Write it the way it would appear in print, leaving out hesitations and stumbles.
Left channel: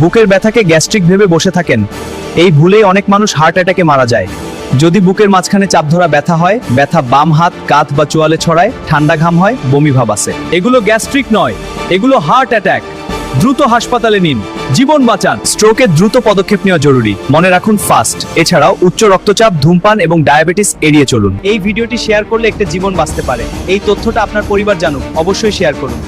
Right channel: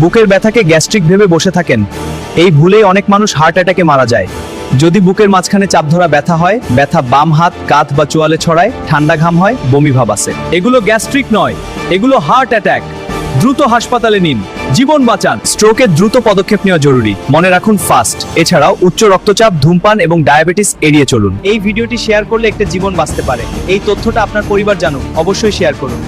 বুকের ব্যথাকে গ্যাস্ট্রিক ভেবে বসে থাকেন, এই ভুলেই অনেক মানুষ হার্ট অ্যাটাকে মারা যায়। যদি বুকের মাঝখানে চাপ ধরা ব্যথা হয়, ব্যথা বাম হাত, কাঁধ বা চোয়ালে ছড়ায়, ঠান্ডা ঘাম হয়, বমি ভাব আসে, এগুলো গ্যাস্ট্রিক নয়, এগুলো হার্ট অ্যাটাক। দ্রুত হাসপাতালে নিন, জীবন বাঁচান। স্ট্রোকে দ্রুত পদক্ষেপ নেওয়া জরুরি, মনে রাখুন ফাস্ট। এছাড়াও উচ্চ রক্তচাপ, ধূমপান এবং ডায়াবেটিস এড়িয়ে চলুন। এই ভিডিওটি শেয়ার করলে একটা জীবন বাঁচতে পারে। এই তথ্যটা আপনার পরিবার জানুক, অবশ্যই শেয়ার করুন।